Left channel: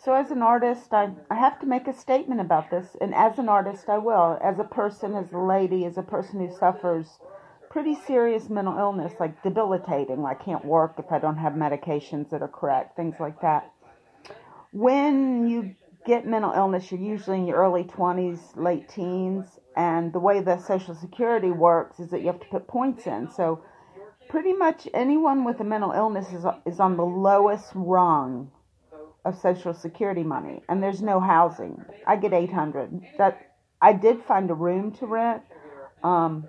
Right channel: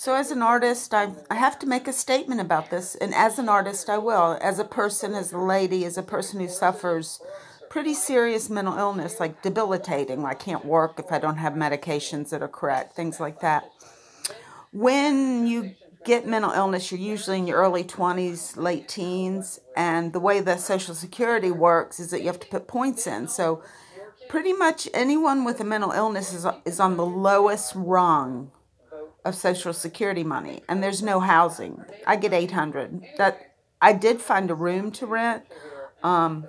So as an artist, I have to make a statement about this, and as an artist, I will. As a person, as a lady, as a person who suffers pretty serious mental illness, like debilitating, I can't work if I don't have medications that are correct, things like that. When you get mental illness, you're usually in your early 20s, late teens, and the way the Social Security works is that you have to put points in. So pretty much anyone with a mental illness is on the lowest rung of Social Security money, and there's no housing. I get 800. That I did find a room to rent, um,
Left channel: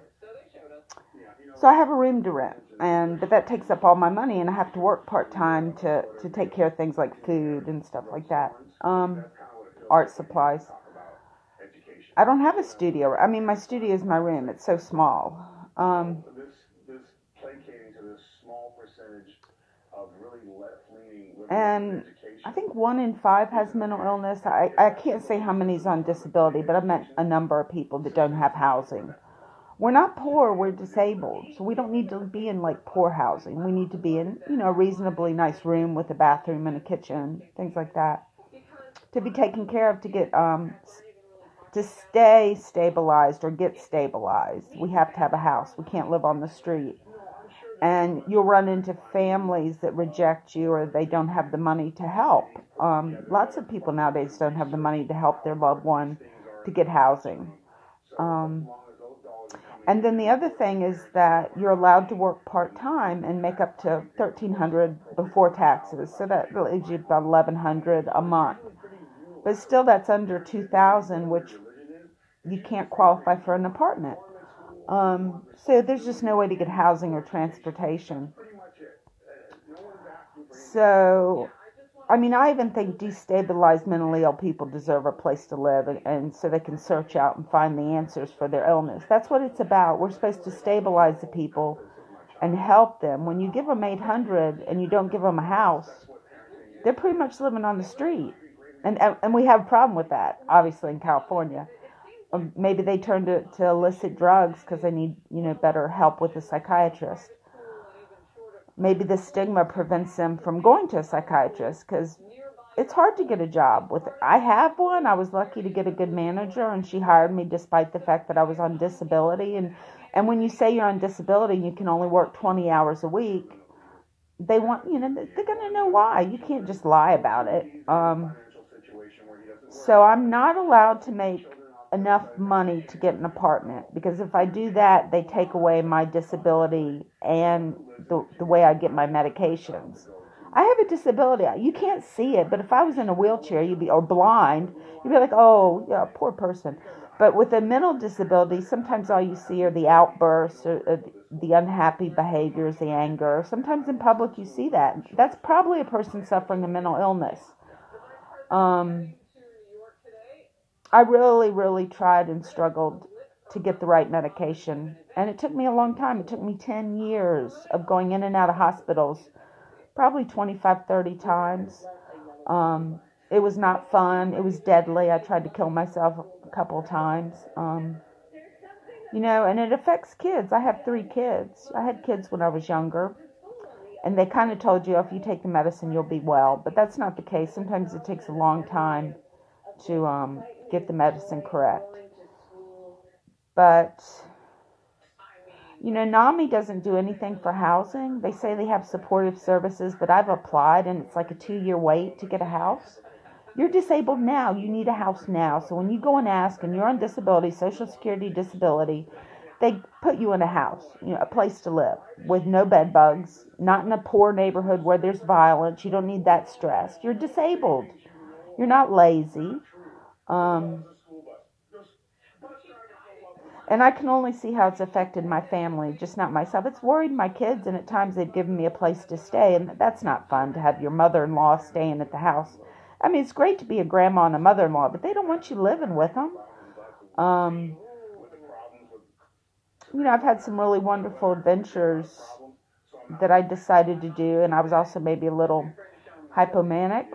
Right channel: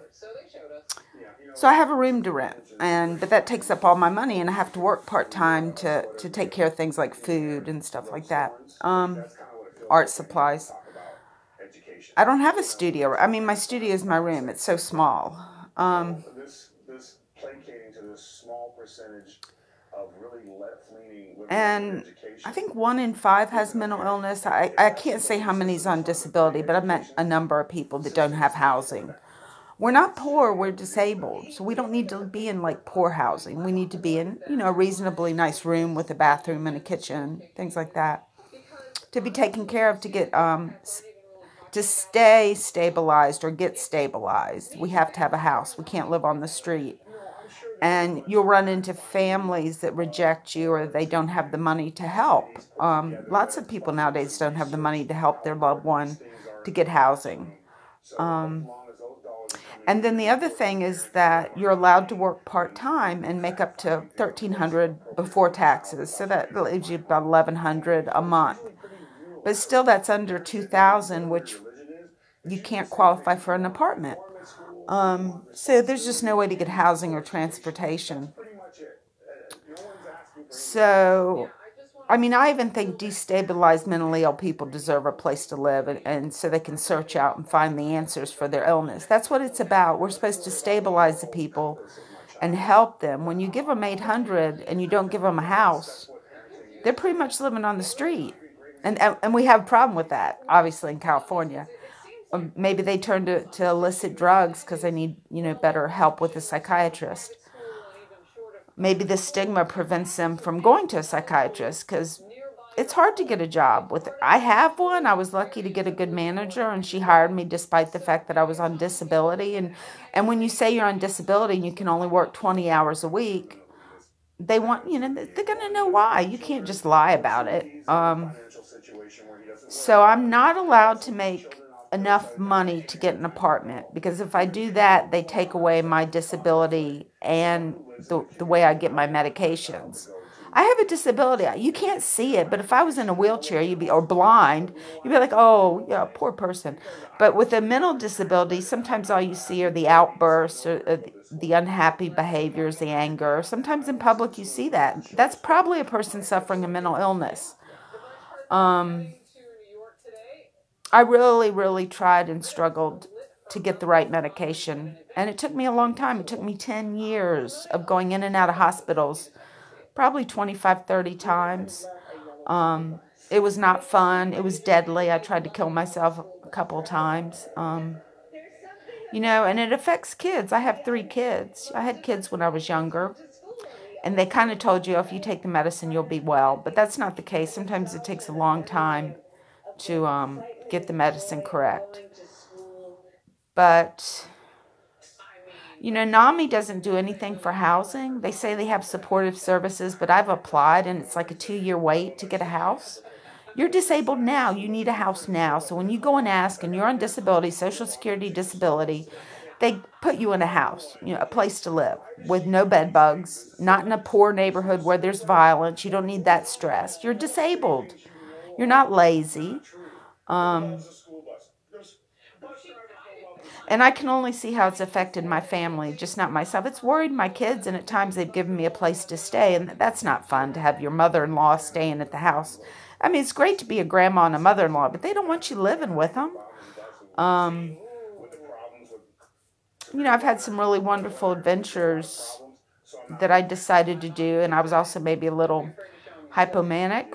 so I have a room to rent, but that takes up all my money, and I have to work part time to take care of things like food and stuff like that. Art supplies. I don't have a studio. I mean, my studio is my room. It's so small. And I think 1 in 5 has mental illness. I can't say how many's on disability, but I've met a number of people that don't have housing. We're not poor, we're disabled. So we don't need to be in like poor housing. We need to be in, a reasonably nice room with a bathroom and a kitchen, things like that. To be taken care of, to stay stabilized or get stabilized, we have to have a house. We can't live on the street. And you'll run into families that reject you or they don't have the money to help. Lots of people nowadays don't have the money to help their loved one to get housing. And then the other thing is that you're allowed to work part-time and make up to $1,300 before taxes. So that leaves you about $1,100 a month. But still that's under $2,000, which you can't qualify for an apartment. So there's just no way to get housing or transportation. So, I mean, I even think destabilized mentally ill people deserve a place to live and so they can search out and find the answers for their illness. That's what it's about. We're supposed to stabilize the people and help them. When you give them 800 and you don't give them a house, they're pretty much living on the street. And we have a problem with that, obviously, in California. Maybe they turn to illicit drugs because they need, better help with a psychiatrist. Maybe the stigma prevents them from going to a psychiatrist because it's hard to get a job. I have one. I was lucky to get a good manager, and she hired me despite the fact that I was on disability. And when you say you're on disability and you can only work 20 hours a week, they want, they're going to know why. You can't just lie about it. So I'm not allowed to make enough money to get an apartment, because if I do that, they take away my disability and the way I get my medications. I have a disability. You can't see it, but if I was in a wheelchair, or blind, you'd be like, oh, yeah, poor person. But with a mental disability, sometimes all you see are the outbursts, or the unhappy behaviors, the anger. Sometimes in public you see that. That's probably a person suffering a mental illness. I really, really tried and struggled to get the right medication. And it took me a long time. It took me 10 years of going in and out of hospitals, probably 25, 30 times. It was not fun. It was deadly. I tried to kill myself a couple of times. And it affects kids. I have 3 kids. I had kids when I was younger. And they kind of told you, if you take the medicine, you'll be well. But that's not the case. Sometimes it takes a long time to get the medicine correct. But, NAMI doesn't do anything for housing. They say they have supportive services, but I've applied, and it's like a 2-year wait to get a house. You're disabled now. You need a house now. So when you go and ask, and you're on disability, Social Security disability, they put you in a house, a place to live with no bed bugs, not in a poor neighborhood where there's violence. You don't need that stress. You're disabled. You're not lazy. And I can only see how it's affected my family, just not myself. It's worried my kids, and at times they've given me a place to stay, and that's not fun to have your mother-in-law staying at the house. I mean, it's great to be a grandma and a mother-in-law, but they don't want you living with them. I've had some really wonderful adventures that I decided to do, and I was also maybe a little hypomanic.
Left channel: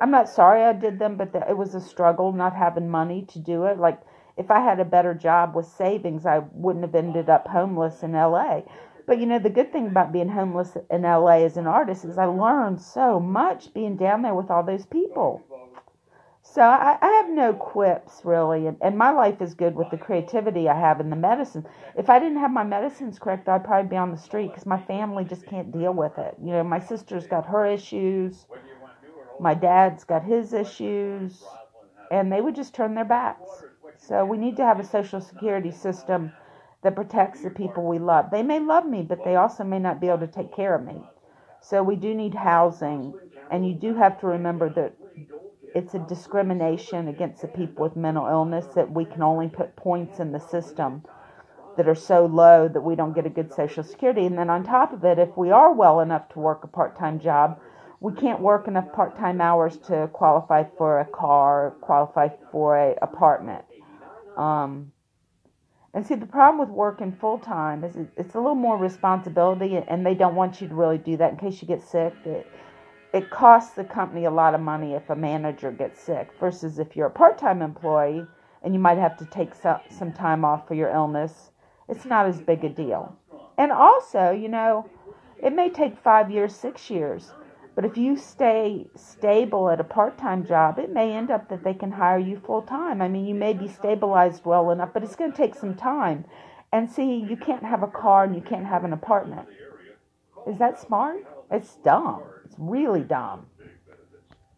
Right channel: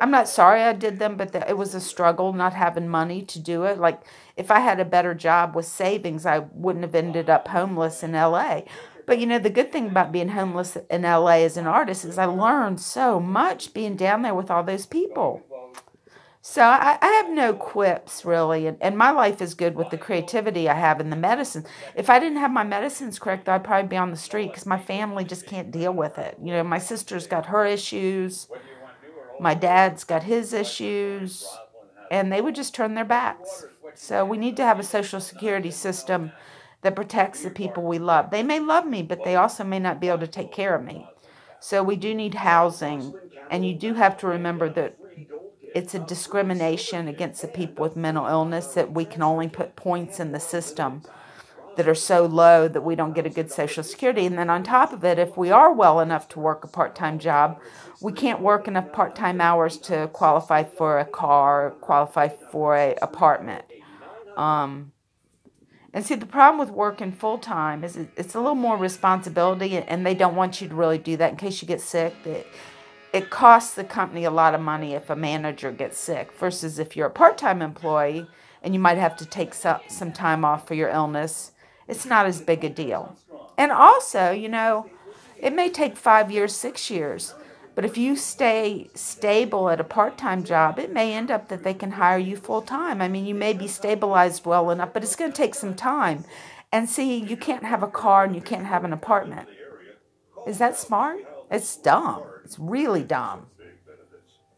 I'm not sorry I did them, but it was a struggle not having money to do it. Like, if I had a better job with savings, I wouldn't have ended up homeless in LA. But the good thing about being homeless in LA as an artist is I learned so much being down there with all those people. So I have no quips really, and my life is good with the creativity I have in the medicine. If I didn't have my medicines correct, I'd probably be on the street because my family just can't deal with it. My sister's got her issues, my dad's got his issues, and they would just turn their backs. So we need to have a social security system that protects the people we love. They may love me, but they also may not be able to take care of me. So we do need housing, and you do have to remember that it's a discrimination against the people with mental illness that we can only put points in the system that are so low that we don't get a good social security. And then on top of it, if we are well enough to work a part-time job, we can't work enough part-time hours to qualify for a car, qualify for an apartment. And see, the problem with working full-time is it's a little more responsibility, and they don't want you to really do that in case you get sick. It costs the company a lot of money if a manager gets sick versus if you're a part-time employee and you might have to take some time off for your illness. It's not as big a deal. And also, it may take 5 years, 6 years, but if you stay stable at a part-time job, it may end up that they can hire you full-time. I mean, you may be stabilized well enough, but it's going to take some time. And see, you can't have a car and you can't have an apartment. Is that smart? It's dumb. It's really dumb.